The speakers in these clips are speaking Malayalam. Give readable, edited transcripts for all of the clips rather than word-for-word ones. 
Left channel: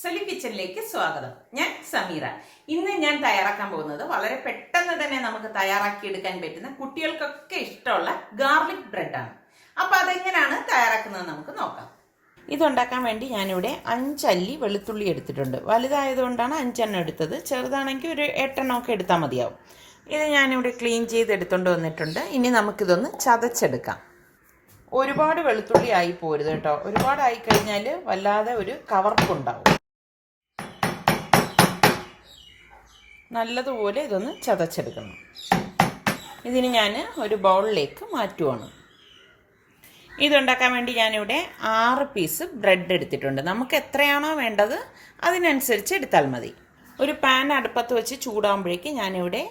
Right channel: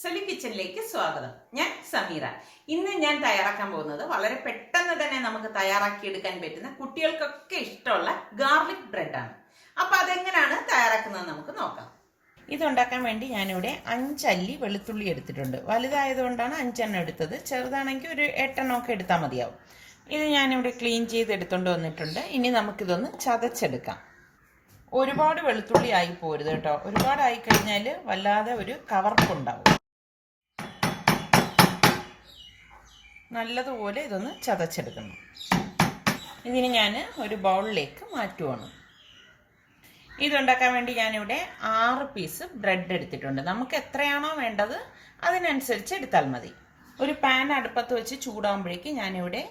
സലു കിച്ചണിലേക്ക് സ്വാഗതം. ഞാൻ സമീറ. ഇന്ന് ഞാൻ തയ്യാറാക്കാൻ പോകുന്നത് വളരെ പെട്ടെന്ന് തന്നെ നമുക്ക് തയ്യാറാക്കിയെടുക്കാൻ പറ്റുന്ന കുട്ടികൾക്കൊക്കെ ഇഷ്ടമുള്ള ഗാർലിക് ബ്രെഡാണ്. അപ്പൊ അതെങ്ങനെയാണ് തയ്യാറാക്കുന്നത് നമുക്ക് നോക്കാം. ഇതുണ്ടാക്കാൻ വേണ്ടി ഞാനിവിടെ 5 അല്ലി വെളുത്തുള്ളി എടുത്തിട്ടുണ്ട്. വലുതായതുകൊണ്ടാണ് 5 എണ്ണം എടുത്തത്. ചെറുതാണെങ്കിൽ ഒരു 8 എണ്ണമൊക്കെ എടുത്താൽ മതിയാവും. ഇത് ഞാനിവിടെ ക്ലീൻ ചെയ്ത് എടുത്തുകൊണ്ട് വന്നിട്ടുണ്ട്. ഇനി നമുക്കിതൊന്ന് ചതച്ചെടുക്കാം. ഒരുപാട് വെളുത്തുള്ളി ആയി പോരുത് കേട്ടോ. ഒരുപാടായി കഴിഞ്ഞാൽ വല്ലാതെ ഒരു കവർപ്പുണ്ടാവും. നല്ലതുപോലെ ഇതൊന്ന് ചതച്ചെടുക്കണം. ഇതിന് ഞാൻ ഒരു ബൗളിലേക്ക് മാറ്റുവാണ്. ഇതുണ്ടാക്കാൻ വേണ്ടി ഞാനിവിടെ 6 പീസ് ബ്രെഡ് എടുത്തിട്ടുണ്ട്. നമുക്ക് എത്രയാണോ വേണ്ടത് അതിനനുസരിച്ച് എടുത്താൽ മതി. ഒരു പാൻ അടുപ്പത്ത് വെച്ച് ചൂടാകുമ്പോഴേക്ക് ഞാനിവിടെ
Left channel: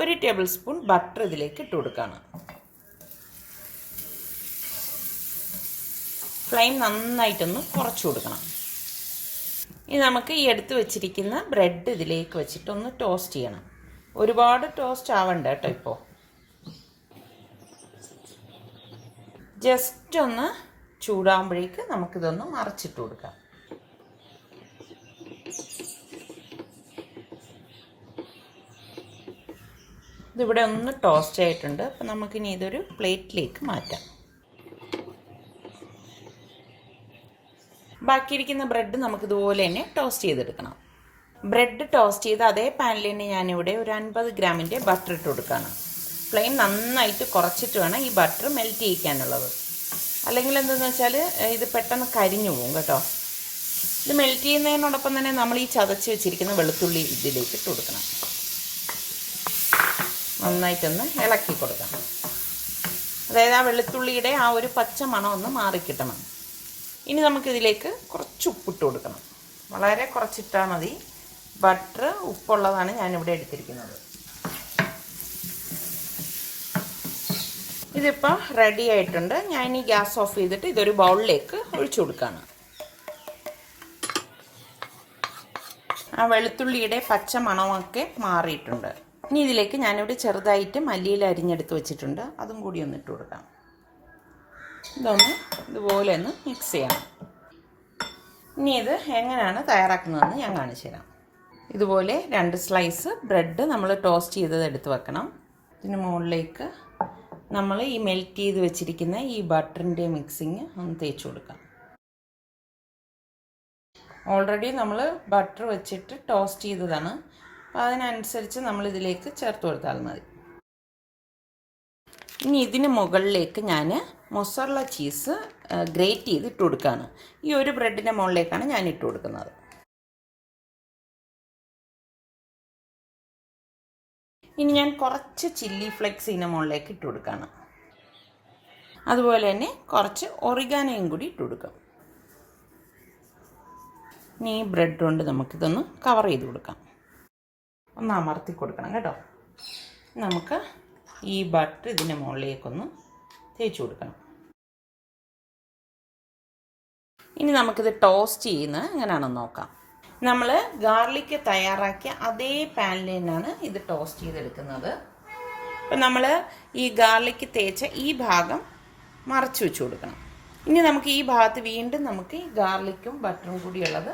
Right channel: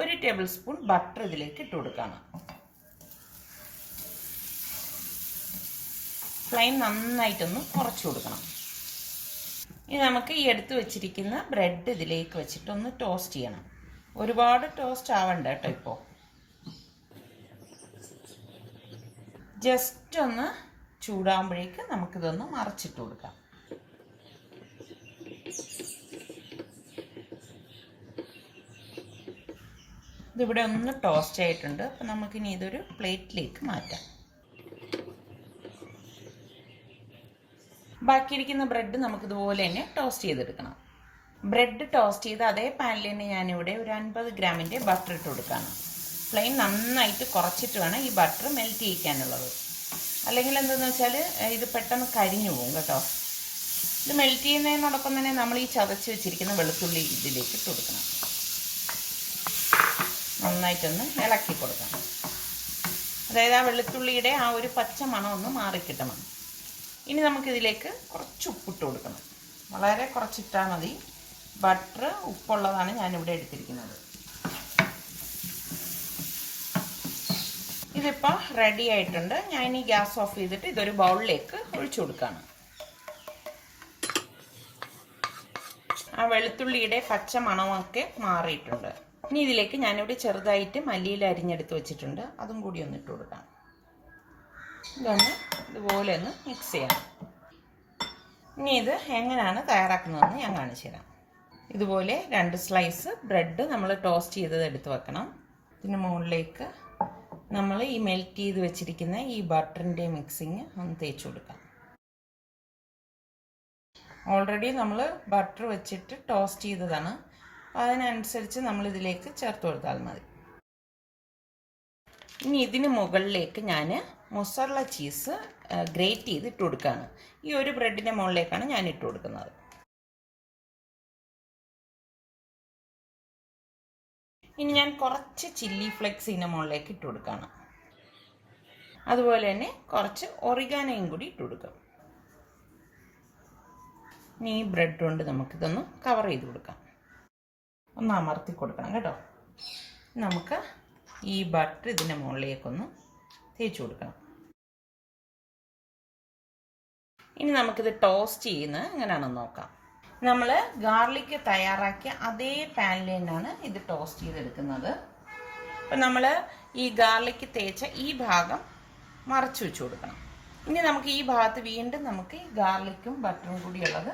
1 ടേബിൾ സ്പൂൺ ബട്ടർ ഇതിലേക്ക് ഇട്ട് കൊടുക്കുകയാണ്. ഫ്ലെയിം നന്നായിട്ടൊന്ന് കുറച്ച് കൊടുക്കണം. ഇനി നമുക്ക് ഈ എടുത്ത് വെച്ചിരിക്കുന്ന ബ്രെഡ് ഇതിലേക്ക് വെച്ചിട്ടൊന്ന് ടോസ്റ്റ് ചെയ്യണം. ഒരുപാട് ടോസ്റ്റ് ആവണ്ട കേട്ടോ. ഇപ്പോൾ ജസ്റ്റ് ഒന്ന് ചൂടാകുമ്പോഴേക്ക് നമുക്കിതൊന്ന് മറിച്ചിട്ട് കൊടുക്കാം. ഇതിവിടെ ഒന്ന് ടോസ്റ്റ് ആയിട്ടുണ്ട്. അപ്പം നമുക്കിനി ഇതൊരു പ്ലേറ്റിലേക്ക് മാറ്റാം. ബാക്കിയിരിക്കുന്ന ബ്രെഡ് നമുക്കിതുപോലെ തന്നെ ടോസ്റ്റ് ചെയ്തെടുക്കണം. ബ്രെഡ് ടോസ്റ്റ് ചെയ്ത് അതേ പാനിൽ തന്നെ ഞാനിവിടെ ഒരു 50 ഗ്രാമിൻ്റെ ബട്ടർ ഇട്ട് കൊടുക്കുകയാണ്. ഫ്ലെയിം നന്നായിട്ട് കുറച്ചിട്ട് വേണം ഈ ബട്ടർ മെൽറ്റ് ചെയ്യിക്കാനുള്ളത്. അല്ലെങ്കിൽ എന്താണെന്ന് വെച്ചാൽ ഇത് പെട്ടെന്ന് കരിഞ്ഞു പോകും കേട്ടോ. ഇത് മെൽറ്റ് ചെയ്യുന്നതിനോടൊപ്പം തന്നെ നമ്മൾ ഈ ചതച്ച് വെച്ചിരിക്കുന്ന വെളുത്തുള്ളി ഇതിലേക്ക് ഇട്ട് കൊടുക്കണം. നന്നായിട്ടൊന്ന് ഇളക്കി കൊടുക്കണം. അതായത് ആ വെളുത്തുള്ളിയുടെ ആ ഒരു പച്ച മണം ഒന്ന് മാറിക്കിട്ടണം. ഇനി നമുക്കിതിലേക്ക് കുറച്ച് ഉപ്പിട്ട് കൊടുക്കണം. വളരെ കുറച്ചിട്ടാൽ മതി. ബട്ടർ ഉപ്പുള്ളതാണ് ഞാനിവിടെ എടുത്തിരിക്കുന്നത്. ഇതിപ്പോൾ റെഡി ആയിട്ടുണ്ട്. ഞാൻ ഈ ഗ്യാസ് ഓഫ് ചെയ്തിട്ട് ഇതൊരു ബൗളിലേക്ക് ഒഴിച്ചു കൊടുക്കുകയാണ്. ആ വെളുത്തുള്ളിയുടെ പച്ച മണമൊക്കെ മാറിയിട്ടുണ്ട്. ഇനി ഇതിലേക്ക് ഞാനിവിടെ ചെറുതായിട്ട് മല്ലിയില അരിഞ്ഞെടുത്ത് വെച്ചിട്ടുണ്ട്. അതും കൂടി ഒന്ന് ഇട്ട് കൊടുക്കാം. ഇതൊന്ന് ഇതുപോലെ ഒന്ന് മിക്സ് ചെയ്യണം. ഇനി ഇത് എങ്ങനെയാണ് തയ്യാറാക്കുന്നതെന്ന് ഞാൻ കാണിച്ചു തരാം. ഇതുപോലെ 2 സ്ലൈസ് ബ്രെഡ് നമ്മൾ ടോസ്റ്റ് ചെയ്തത് എടുത്ത് വെക്കണം. ഇതിന് മുകളിലേക്ക് നമ്മൾ ഈ മെൽറ്റ് ചെയ്ത് വെച്ചിരിക്കുന്ന ഈ ബട്ടറിൻ്റെ മിക്സിങ് ഒന്ന് തേച്ച് കൊടുക്കാം. ഓൾറെഡി നമ്മൾ ബട്ടർ വെച്ചിട്ട് ടോസ്റ്റ് ചെയ്തതാണ്. അതിനനുസരിച്ച് നമ്മൾ ഇതിലേക്ക് ചേർത്ത് കൊടുത്താൽ മതി. ഇനി ഇതിന് മുകളിലേക്ക് ഞാൻ മൊസറല്ല ചീസ് ഗ്രേറ്റ് ചെയ്ത് ഇട്ട് കൊടുക്കുകയാണ്. ഈ ഒരു ബ്രെഡിൻ്റെ മുകളിലേക്കാണ് ഞാൻ ഇട്ട് കൊടുക്കുന്നത്. ഇനി ഞാൻ കുറച്ച് ചില്ലി ഫ്ലെക്സ് ഇതിൻ്റെ മുകളിലേക്ക് ഇട്ട് കൊടുക്കുകയാണ്. അതുപോലെ തന്നെ കുറച്ച് ഒറിഗാനോയും കൂടി ഇട്ട് കൊടുക്കാം. ഇനി ഈ ബ്രെഡ് കൊണ്ട് നമുക്കിതൊന്ന് കവർ ചെയ്ത് കൊടുക്കാം. ഒന്ന് അമർത്തി കൊടുക്കണം കേട്ടോ. നമുക്ക് ഈ ബട്ടർ ഇതിൻ്റെ മുകളിലേക്കൊന്ന് തേച്ച് കൊടുക്കണം. ഇനി നമുക്കിത് ടോസ്റ്റ് ചെയ്യുന്നത് എങ്ങനെയാണെന്ന് നോക്കാം. നമ്മൾ ഗാർലിക് തയ്യാറാക്കിയ അതേ പാനിൽ തന്നെയാണ് ഇത് ടോസ്റ്റ് ചെയ്തെടുക്കുന്നത്. അപ്പം നമ്മൾ ഈ ഗാർലിക് തേച്ച ഈ ഭാഗം മറച്ചു വെച്ച് കൊടുക്കണം. ഇനി നമുക്ക് ഈ ഭാഗത്ത് വീണ്ടും നമുക്ക് ഈ ഗാർലിക്കും ബട്ടറും കൂടിയുള്ളത്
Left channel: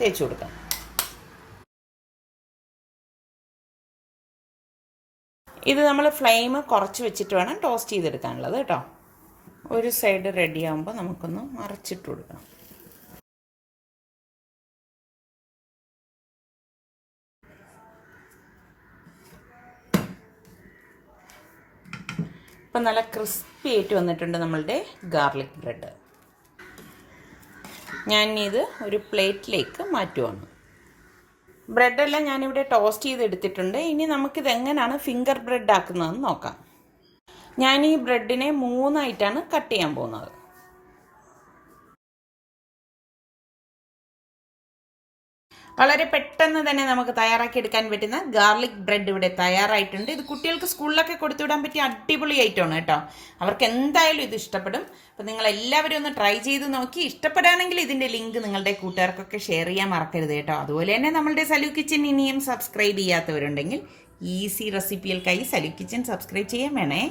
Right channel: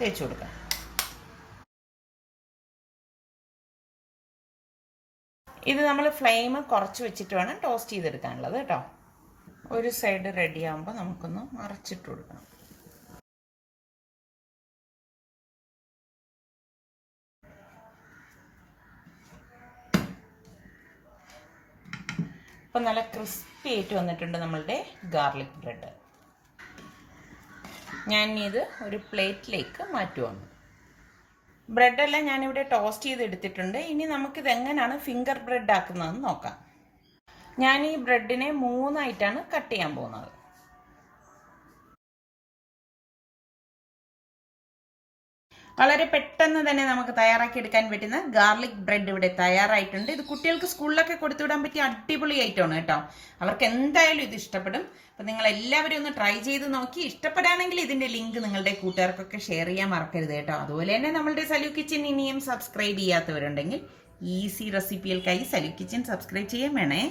തേച്ച് കൊടുക്കണം. ഇത് നമ്മൾ ഫ്ലെയിം കുറച്ച് വെച്ചിട്ട് വേണം ടോസ്റ്റ് ചെയ്തെടുക്കാനുള്ളത് കേട്ടോ. ഒരു സൈഡ് റെഡി ആകുമ്പോൾ നമുക്കൊന്ന് മറിച്ചിട്ട് കൊടുക്കണം. ഇപ്പം നല്ല ക്രിസ്പി ആയിട്ട് വന്നിട്ടുണ്ട് നമ്മളുടെ ഗാർലിക് ബ്രെഡ്. ഞാനിത് ഒരു പ്ലേറ്റിലേക്ക് മാറ്റുവാണ്. ബ്രെഡെല്ലാം ഞാനിവിടെ ടോസ്റ്റ് ചെയ്തെടുത്തിട്ടുണ്ട്. ഇനി നമുക്കിത് എങ്ങനെയാണ് ഫിംഗർ ബ്രെഡ് ആക്കുന്നതെന്ന് നോക്കാം. ഞാൻ ഈ ബ്രെഡിനെ 3 ആയിട്ടാണ് കട്ട് ചെയ്യാൻ പോകുന്നത്. വളരെ പെട്ടെന്ന് തന്നെ നമുക്ക് തയ്യാറാക്കിയെടുക്കാൻ പറ്റുന്ന ഗാർലിക് ബ്രെഡ് ഇവിടെ തയ്യാറായിട്ടുണ്ട്. ഇത് കുട്ടികൾക്ക് സ്കൂളിലൊക്കെ കൊടുത്തുവിടാൻ പറ്റിയ അടിപൊളി ഐറ്റമാണ് കേട്ടോ. അവർക്ക് എന്തായാലും ഇത് ഇഷ്ടപ്പെടും. അപ്പം നിങ്ങൾ എല്ലാവരും ഒന്ന് ട്രൈ ചെയ്ത് നോക്കി. ഇഷ്ടപ്പെടുകയാണെങ്കിൽ ഇതിൻ്റെ ലിങ്ക് നിങ്ങളുടെ കൂട്ടുകാർക്കൊക്കെ ഷെയർ ചെയ്യാൻ മറക്കരുത് കേട്ടോ. അതുപോലെ തന്നെ നമ്മളുടെ സലു കിച്ചൻ ഇനിയും സബ്സ്ക്രൈബ് ചെയ്യാത്തവരുണ്ടെങ്കിൽ ഈസി റെസിപ്പികൾക്കായി സലു കിച്ചൻ സബ്സ്ക്രൈബ് ചെയ്യാൻ വേണേ.